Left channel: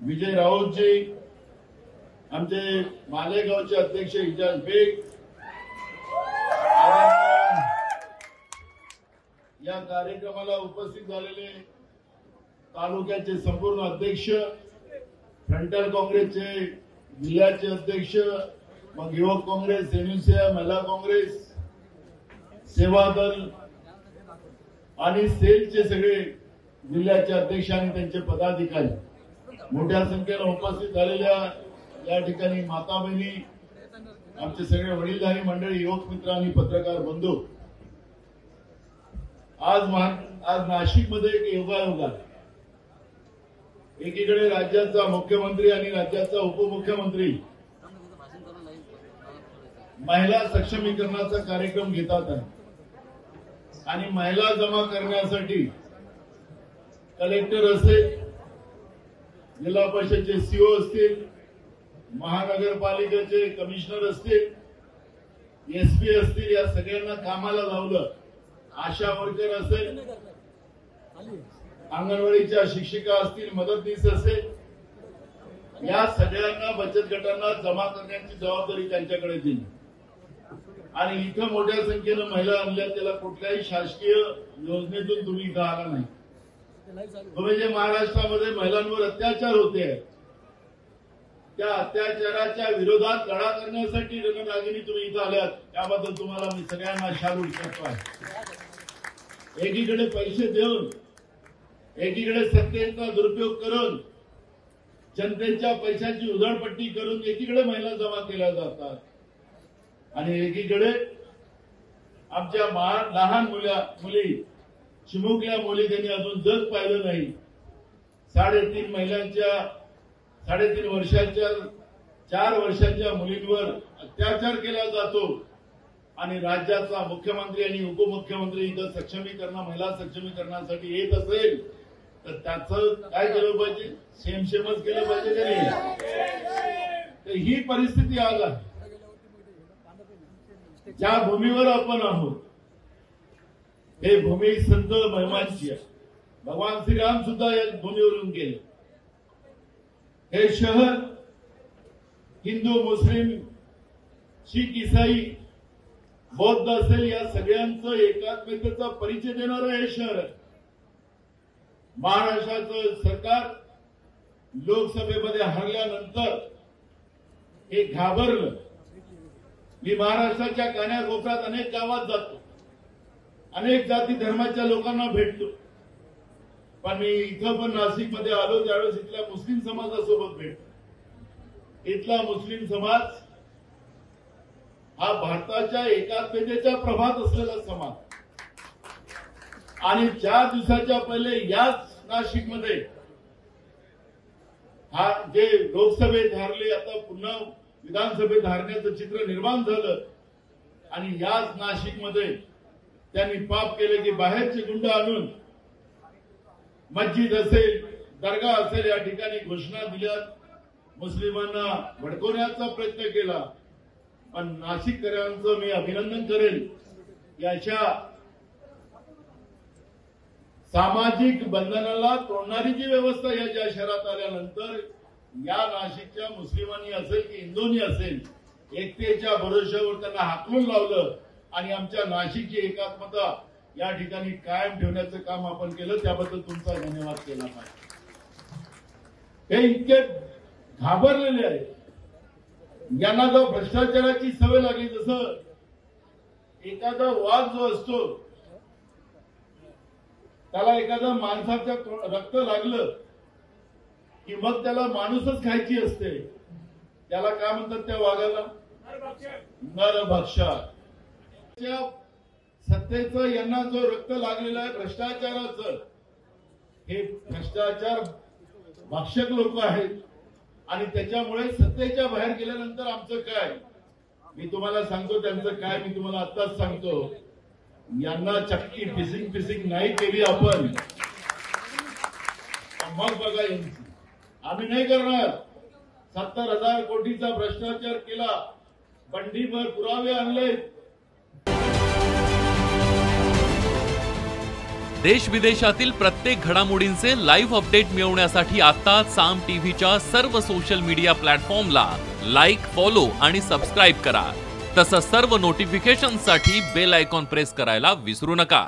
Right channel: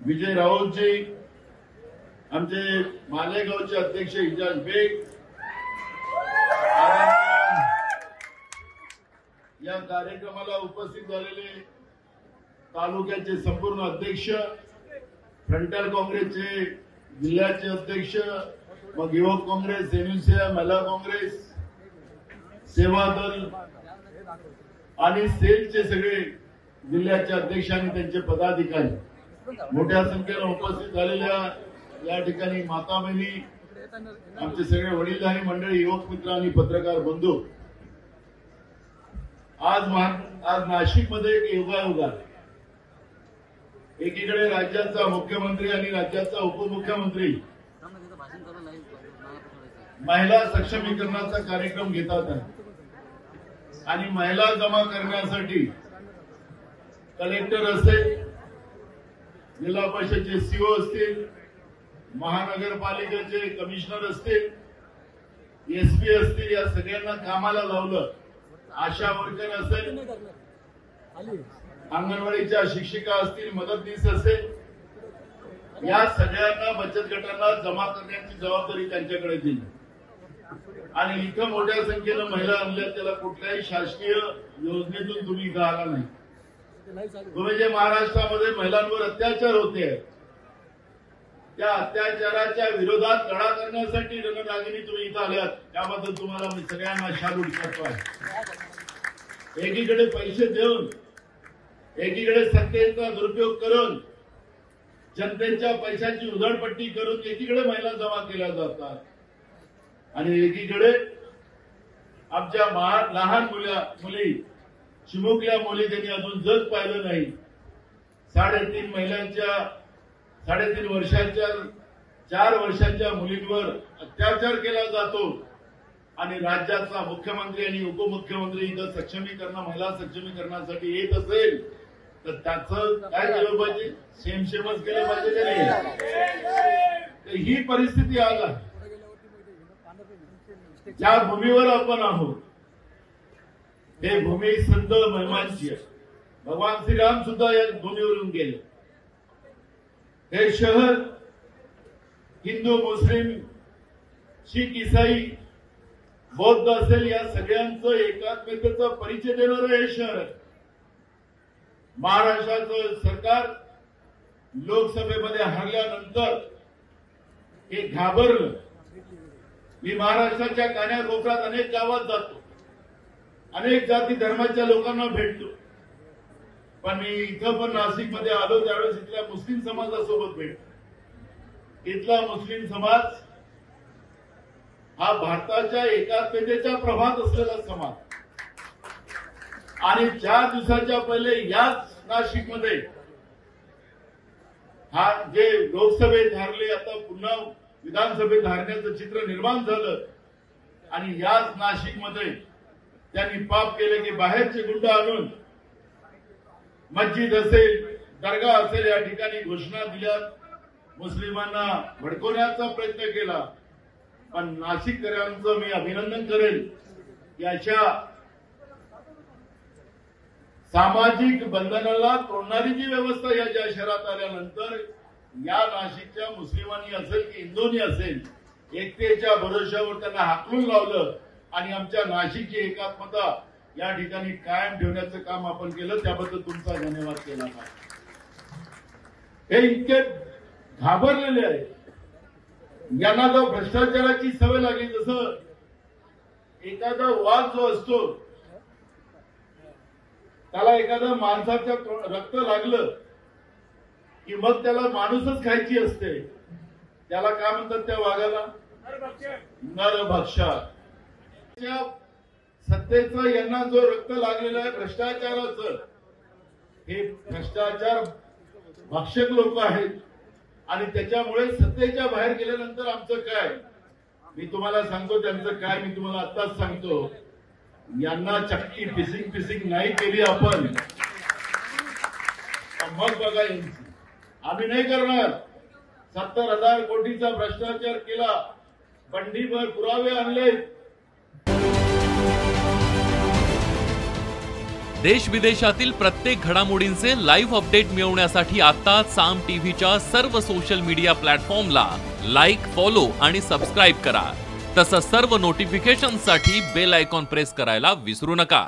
विजय राऊतजी, आमचे मालेगावचे अध्यक्ष इजाज बेग, या कार्यक्रमाला उपस्थित झालेले तालुक्याचे संपूर्ण अध्यक्ष, फ्रंटल काँग्रेसचे जिल्ह्याचे अध्यक्ष, मग युवक काँग्रेस, एमयूसीआय, महिला काँग्रेस, सेवा दल आणि सेलचे सगळे जिल्ह्याचे अध्यक्ष आणि त्यांचे पदाधिकारी, मोठ्या संख्येने उपस्थित झालेल्या या ठिकाणी माता बहिणी, आमचे सगळे वडीलधारी मंडळी, युवक मित्र आणि पत्रकार बंधू, आज नाशिकमध्ये एक योगायोग आहे. एकीकडे राज्याचा मुख्यमंत्री आणि राज्याचा उपमुख्यमंत्री महिला सक्षमीकरणाचा कार्यक्रम घेतात आहे आणि महिला जमा करण्यासाठी कलेक्टर असेल, जिल्हा परिषदेचे सीओ असतील, महानगरपालिकेचे कमिशनर असतील, एसपी असतील, या सगळ्यांना कामाला लावलं. आशा वर्कर असेल, अंगणवाडीच्या शिक्षिका असतील, मदतनीस असेल, या सगळ्यांना बचत गटांना जमा करण्याची जबाबदारी त्यांच्याकडे दिली आणि इथं मोठ्या संख्येनं महिला आणल्या. त्याला कुठल्याही शासकीय योजनेतून तुम्ही इथं आला नाही. तुम्ही जे महाराष्ट्रामध्ये महिलांवर अत्याचार होते, त्या अत्याचाराच्या विरोधात लढा करण्यासाठी रणरागिणी तुम्ही इथं आल्यात, त्याबद्दल तुम्हाला मी सगळ्यांना शालूट करतो. एकीकडे पैसे देऊन, एकीकडे सत्तेचा दुरुपयोग करून, जनतेच्या पैशांची उधळपट्टी करून एकीकडे महिला जमा केल्या जातात आणि एकीकडे आमच्या लहान मुली, चिमुकल्या मुली, त्यांनी अजून जग पाहिलं नाही. 3.5 वर्षाच्या 4 वर्षाच्या मुलींवर अत्याचार केला जातो आणि राज्याचा मुख्यमंत्री आणि उपमुख्यमंत्री इथं महिला सक्षमीकरणासाठी येत असेल तर त्याचं काय केलं पाहिजे? सेमच केलं पाहिजे की नाही? तर ही परिस्थिती आज आहे. ज्या भूमीवर आपण आहोत, हे भूमी संत महिमांची आहे. भगवान श्रीराम सुद्धा या भूमीवरून गेले. हे शहर हिंदू, मुस्लिम, शीख, ईसाई, बौद्ध असेल, या सगळ्यांचं एकात्मतेचा परिचय देणारं हे शहर आहे. महाराष्ट्राचं सरकार लोकसभेमध्ये हरल्यानंतर हे घाबरलं. मी महाराष्ट्राच्या कान्याकोपऱ्यात अनेक गावात जातो, अनेक जाती धर्माच्या लोकांना भेटतो, पण मी इथं पण नाशिकमध्ये आलो त्यावेळेस इथल्या मुस्लिम समाजासोबत भेटतो. इथला मुस्लिम समाज हा भारताच्या एकात्मतेच्या प्रभात असलेला समाज आणि 4 दिवसाच्या पहिले याच नाशिकमध्ये हा जे लोकसभेत हारले, आता पुन्हा विधानसभेत हारण्याचं चित्र निर्माण झालं आणि याच नाशिकमध्ये त्यांनी पाप केले की बाहेरचे गुंड आणून मस्जिद असेल, दर्गा असेल, या ठिकाणी घोषणा दिल्या, मुस्लिमांना भडकवण्याचा प्रयत्न केला. पण नाशिककरांचं मी अभिनंदन करेन, याच्या सामाजिक बंधनाला तोडणारी जी व्यवस्था या शहरात आल्यानंतर या नाशिकच्या मुस्लिमांनी असेल की हिंदूंनी असेल, एकतेच्या भरोश्यावर त्यांना हाकलून लावलं आणि आमच्या नाशिकची एकात्मता या ठिकाणी कायम ठेवण्याचं काम आपण केलं. त्याबद्दल तुमचा धन्यवाद केला पाहिजे. हे इतके घाबरलेले आहे, यांना जर भ्रष्टाचाराची सवय लागली, जसं एखादा वाघ जो असतो त्याला एखाद्या माणसाचं रक्त लागलं की मग त्याला माणूसच खायची असते, त्याला काय म्हणतात त्या वाघाला? नरभक्षा. सत्तेचं यांना जो रक्त लागलेलं आहे भ्रष्टाचाराचं, हे भ्रष्टाचार भक्षक लोक आहेत आणि त्याच्यामुळे सत्तेच्या बाहेर गेल्यानंतर आमचं काय? मी तुम्हाला सांगतो त्यांचं काय, मी तुम्हाला आत्ताच सांगतो. यांना चक्की फिसिंग नाही केली आपण, मग बघा यांची. आम्ही नाही करणार. 70,000 कोटीचा भ्रष्टाचार केला, बंडीभर पुरावे आणले. देश विदेशातील प्रत्येक घडामोडींचे लाईव्ह अपडेट मिळवण्यासाठी आता साम टीव्हीच्या सर्व सोशल मीडिया प्लॅटफॉर्मला लाईक, फॉलो आणि सबस्क्राईब करा. तसंच सर्व नोटिफिकेशनसाठी बेल आयकॉन प्रेस करायला विसरू नका.